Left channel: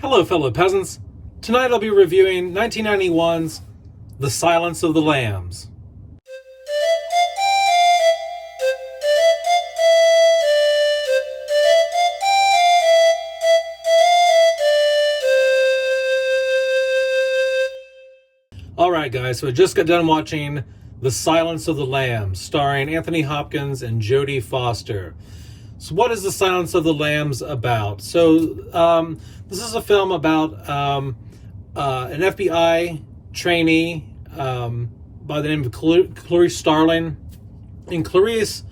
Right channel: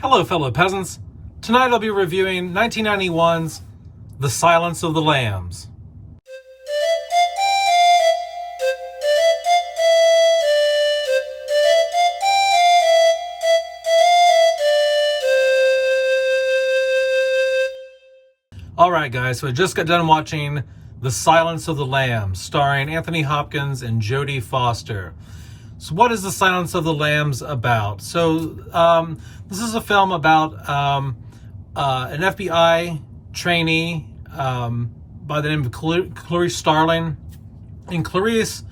Hello, fellow peasants. Tonight I'll be reviewing 1991's The Silence of the Lambs. Alright guys, so I just got done watching The Silence of the Lambs, starring Anthony Hopkins and Jodie Foster. So what is The Silence of the Lambs about? So this is a film about an FBI trainee by the name of Clarice Starling. And Clarice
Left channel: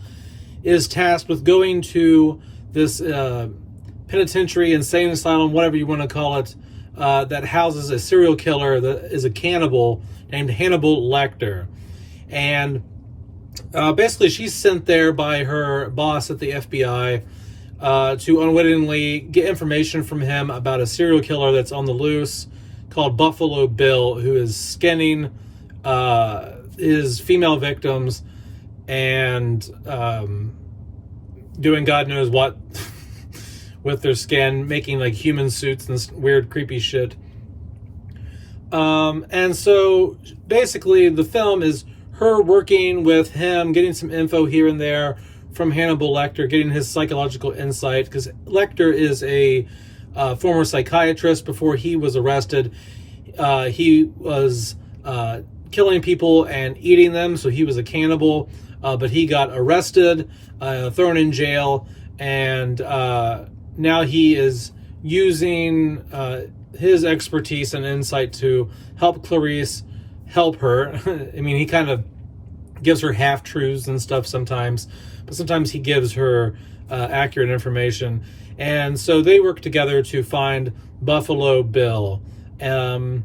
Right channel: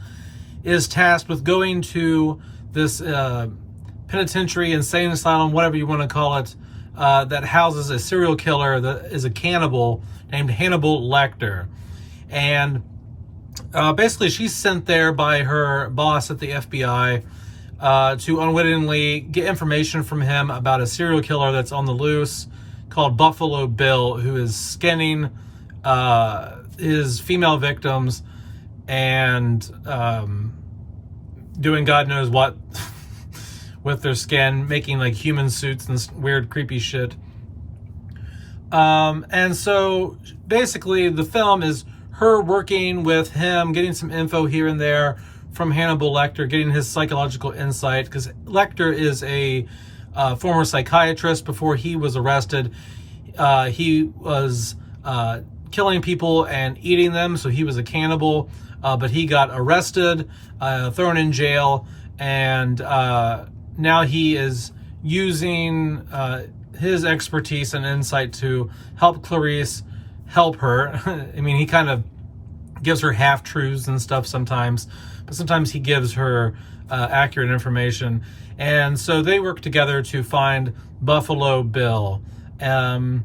is tasked with going to this penitentiary, insane asylum, whatever you want to call it, that houses a serial killer that is a cannibal named Hannibal Lecter. And basically she's sent there by her boss at the FBI to unwittingly get information from him about a serial killer that's on the loose called Buffalo Bill, who is skinning his female victims and doing God knows what with their skin, making like human suits and weird creepy shit. And so basically the film is her working with him, getting some info here and there from Hannibal Lecter, getting his psychological insight, because Lecter is a former psychiatrist. Before he was arrested, he was killing people and eating them, so he was a cannibal, but he got arrested, thrown in jail, and now he is using his expertise and insight to help Clarice help her. I mean, he kind of gives her half-truths and stuff sometimes, but sometimes he gives her accurate information. And so they work together to find Buffalo Bill. And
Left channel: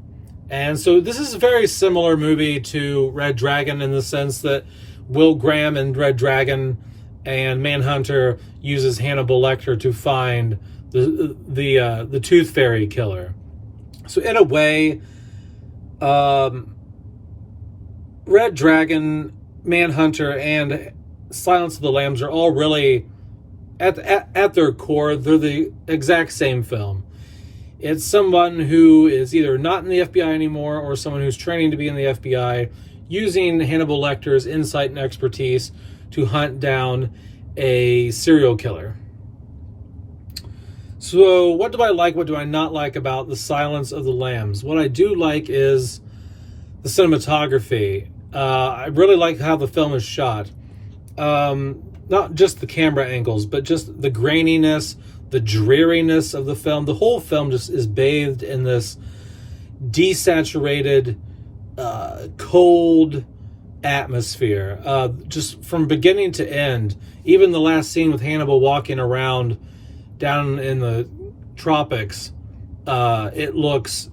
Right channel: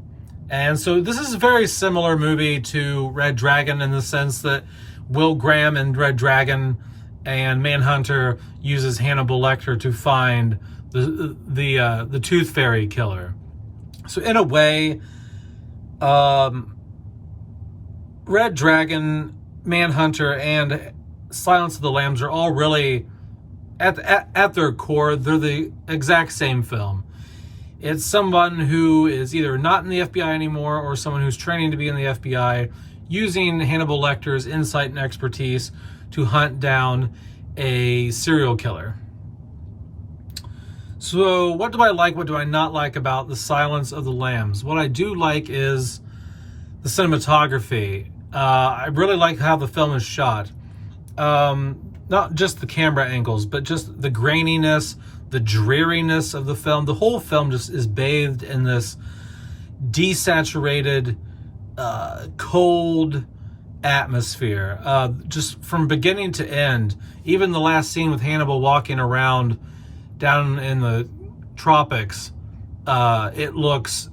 so this is a very similar movie to Red Dragon in the sense that Will Graham in Red Dragon and Manhunter uses Hannibal Lecter to find the Tooth Fairy killer. So in a way, Red Dragon, Manhunter, and Silence of the Lambs are all really, at their core, they're the exact same film. It's someone who is either not in the FBI anymore or someone who's training to be in the FBI, using Hannibal Lecter's insight and expertise to hunt down a serial killer. So what do I like, what do I not like about The Silence of the Lambs? What I do like is the cinematography. I really like how the film is shot. Not just the camera angles, but just the graininess, the dreariness of the film. The whole film just is bathed in this desaturated, cold atmosphere. Just from beginning to end. Even the last scene with Hannibal walking around down in the tropics, it looks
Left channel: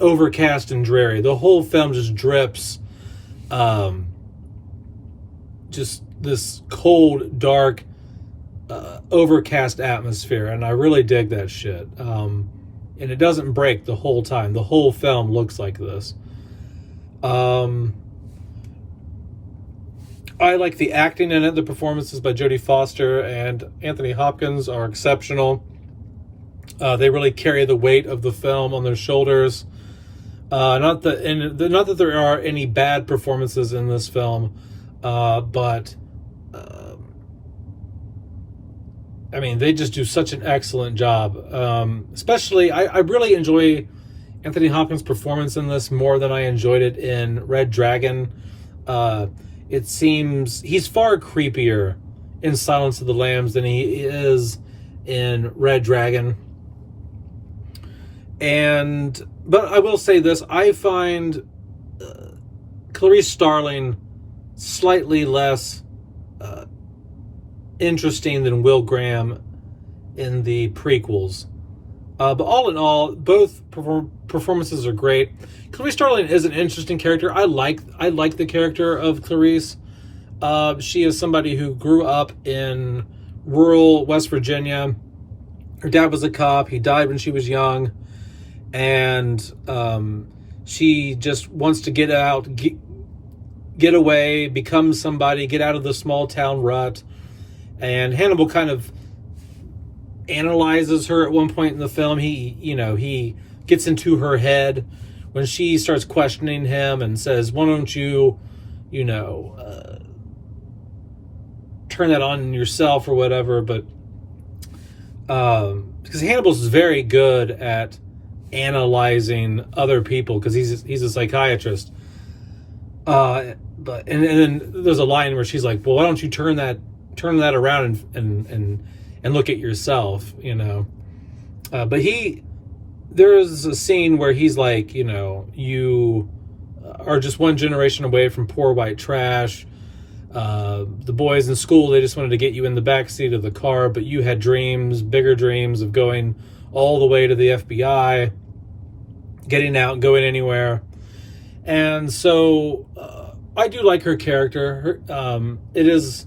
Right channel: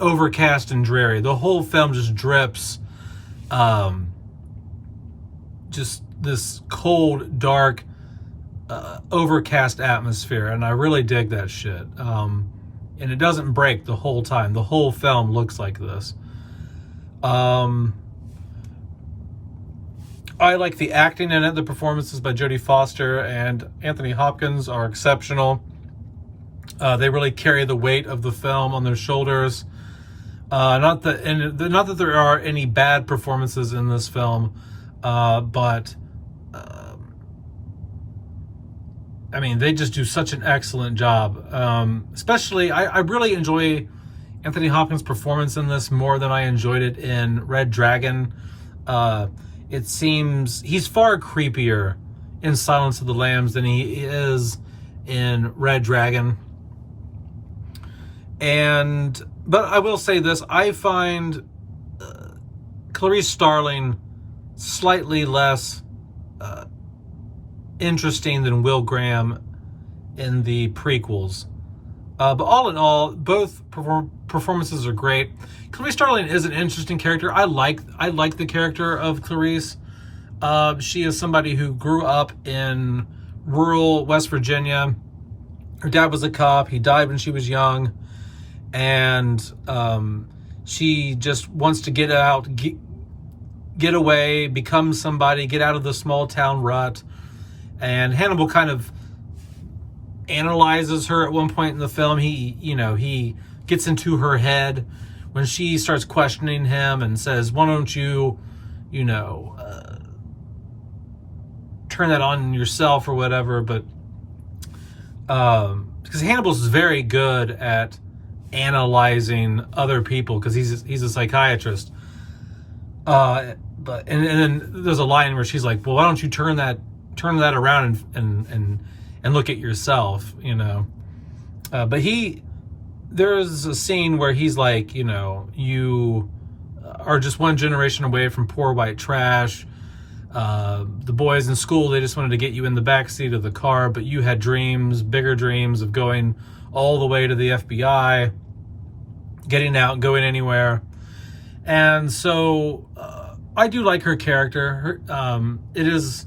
overcast and dreary. The whole film just drips just this cold, dark, overcast atmosphere, and I really dig that shit. And it doesn't break the whole time. The whole film looks like this. I like the acting in it. The performances by Jodie Foster and Anthony Hopkins are exceptional. They really carry the weight of the film on their shoulders. Not that there are any bad performances in this film, but I mean, they just do such an excellent job. Especially, I really enjoy Anthony Hopkins' performance in this more than I enjoyed it in Red Dragon. It seems he's far creepier in Silence of the Lambs than he is in Red Dragon. But I will say this, I find Clarice Starling slightly less interesting than Will Graham in the prequels. But all in all, both performances are great. Clarice Starling is an interesting character. I like the character of Clarice. She is somebody who grew up in rural West Virginia. Her dad was a cop. He died when she was young. And she just wants to get out, get away, become somebody, get out of the small town rut. And Hannibal kind of analyzes her at one point in the film. He gets into her head when she starts questioning him and says, why don't you, turn that on yourself or whatever. But because Hannibal's very good at analyzing other people because he's a psychiatrist. But then there's a line where she's like, well, why don't you turn that around and look at yourself, but there's a scene where he's like, you are just one generation away from poor white trash. The boys in school, they just wanted to get you in the back seat of the car, but you had bigger dreams of going all the way to the FBI, getting out and going anywhere. And so I do like her character. It is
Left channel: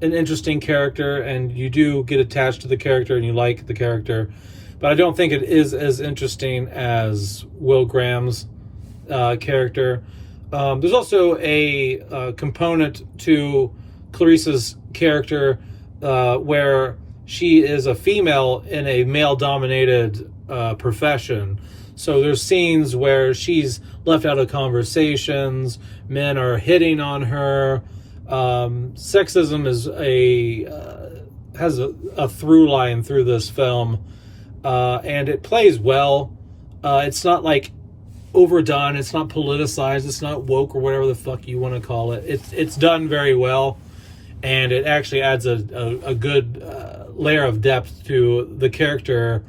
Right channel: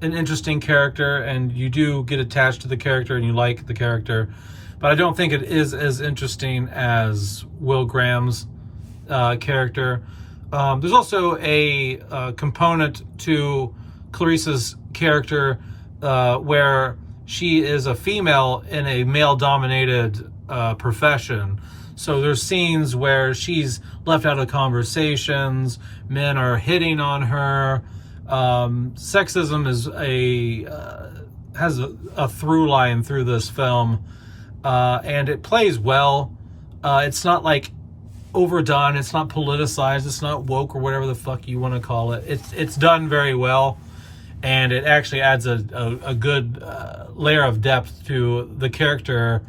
an interesting character, and you do get attached to the character and you like the character, but I don't think it is as interesting as Will Graham's character. There's also a component to Clarice's character where she is a female in a male-dominated profession. So there's scenes where she's left out of conversations, men are hitting on her. Sexism is has a through line through this film, and it plays well. It's not like overdone, it's not politicized, it's not woke or whatever the fuck you want to call it. It's done very well, and it actually adds a good layer of depth to the character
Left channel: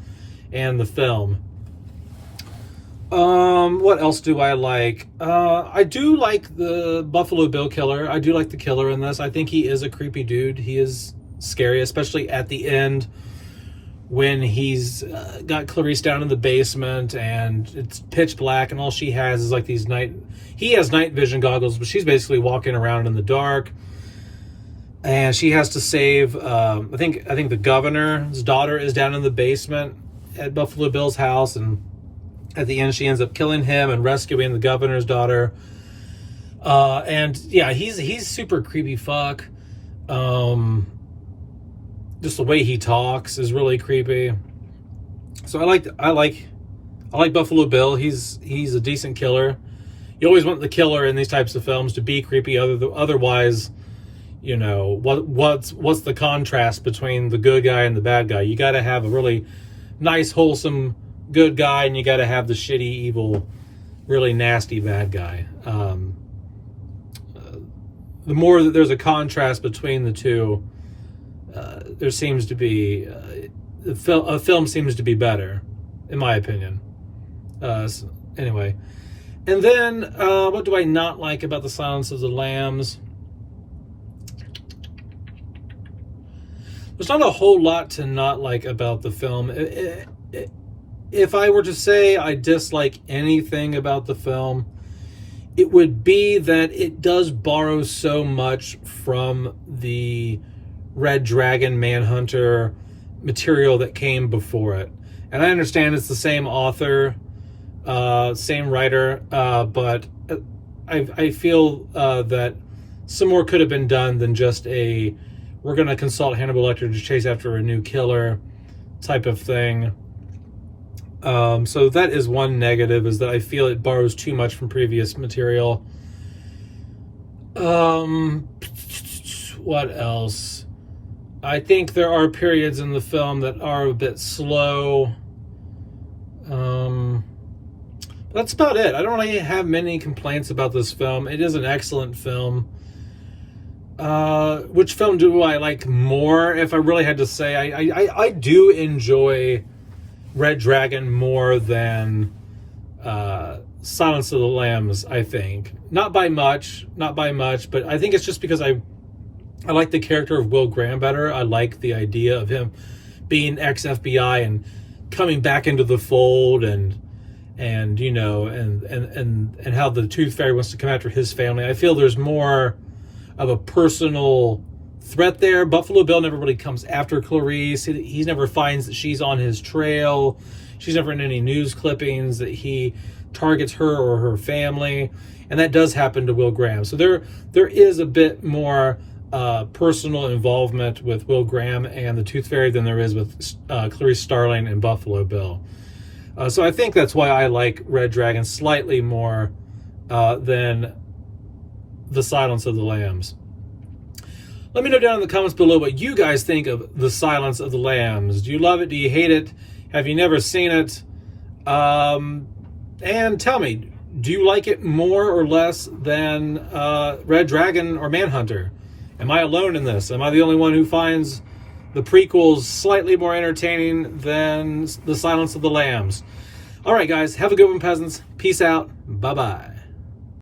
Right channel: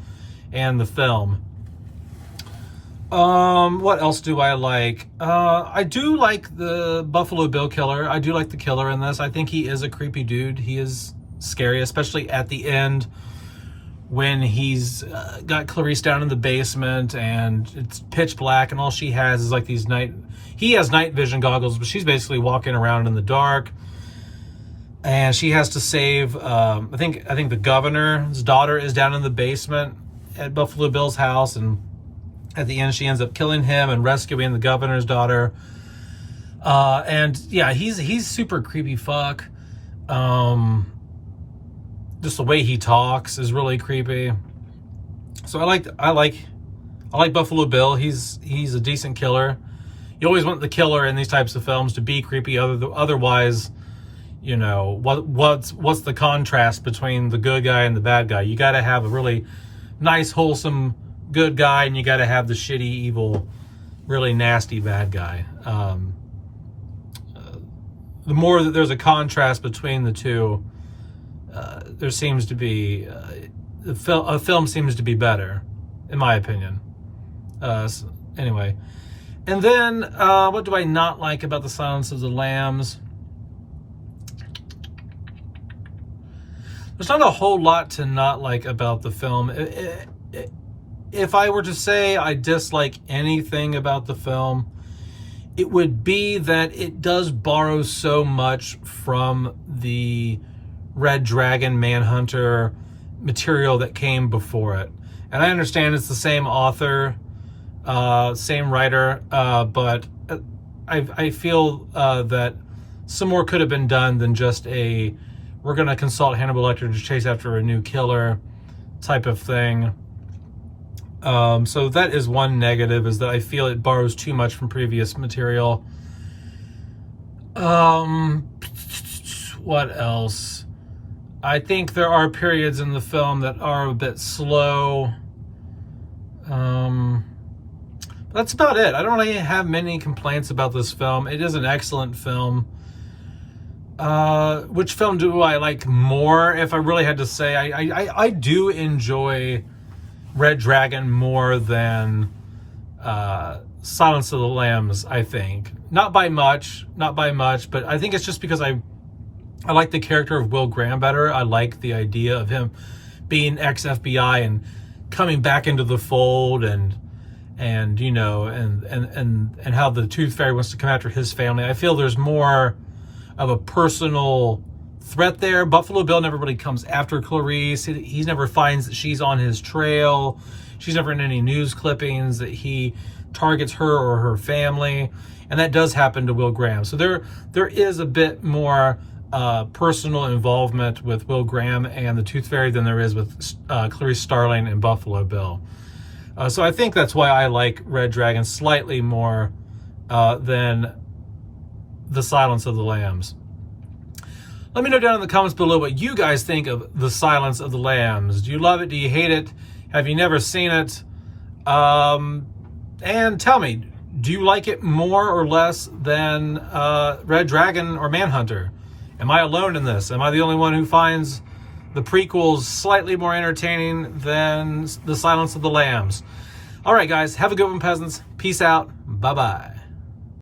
and the film. What else do I like? I do like the Buffalo Bill killer. I do like the killer in this. I think he is a creepy dude. He is scary, especially at the end when he's got Clarice down in the basement and it's pitch black and all she has is like he has night vision goggles, but she's basically walking around in the dark. And she has to save, I think the governor's daughter is down in the basement at Buffalo Bill's house, and at the end, she ends up killing him and rescuing the governor's daughter. And yeah, he's super creepy fuck. Just the way he talks is really creepy. So I like Buffalo Bill. He's a decent killer. You always want the killer in these types of films to be creepy. Otherwise, what's the contrast between the good guy and the bad guy? You got to have a really nice, wholesome good guy, and you got to have the shitty, evil, really nasty bad guy. The more that there's a contrast between the two, there seems to be a film seems to be better, in my opinion. Anyway, and then what do I not like about The Silence of the Lambs? There's not a whole lot to not like about the film. If I were to say I dislike anything about the film, it would be that it does borrow so much from the Red Dragon Manhunter material that came before it. And I understand it's the same author, same writer, but I feel that some more could have been done than just we're going to consult Hannibal Lecter to chase after a new killer type of thing. So that is one negative, is that I feel it borrows too much from previous material. What else? I think there are periods in the film that are a bit slow. That's about it. I don't really have many complaints about this film. It is an excellent film. Which film do I like more? If I really had to say, I do enjoy Red Dragon more than Silence of the Lambs, I think. Not by much, but I think it's just because I like the character of Will Graham better. I like the idea of him being ex-FBI and coming back into the fold, and how the Tooth Fairy wants to come after his family. I feel there's more of a personal threat there. Buffalo Bill never really comes after Clarice. He never finds that she's on his trail. She's never in any news clippings that he targets her or her family. And that does happen to Will Graham. So there is a bit more personal involvement with Will Graham and the Tooth Fairy than there is with Clarice Starling and Buffalo Bill. So I think that's why I like Red Dragon slightly more than The Silence of the Lambs. Let me know down in the comments below what you guys think of The Silence of the Lambs. Do you love it? Do you hate it? Have you never seen it? And tell me, do you like it more or less than Red Dragon or Manhunter? Am I alone in this? Am I the only one who finds the prequels slightly more entertaining than The Silence of the Lambs? All right, guys, have a good one, peasants. Peace out. Bye-bye.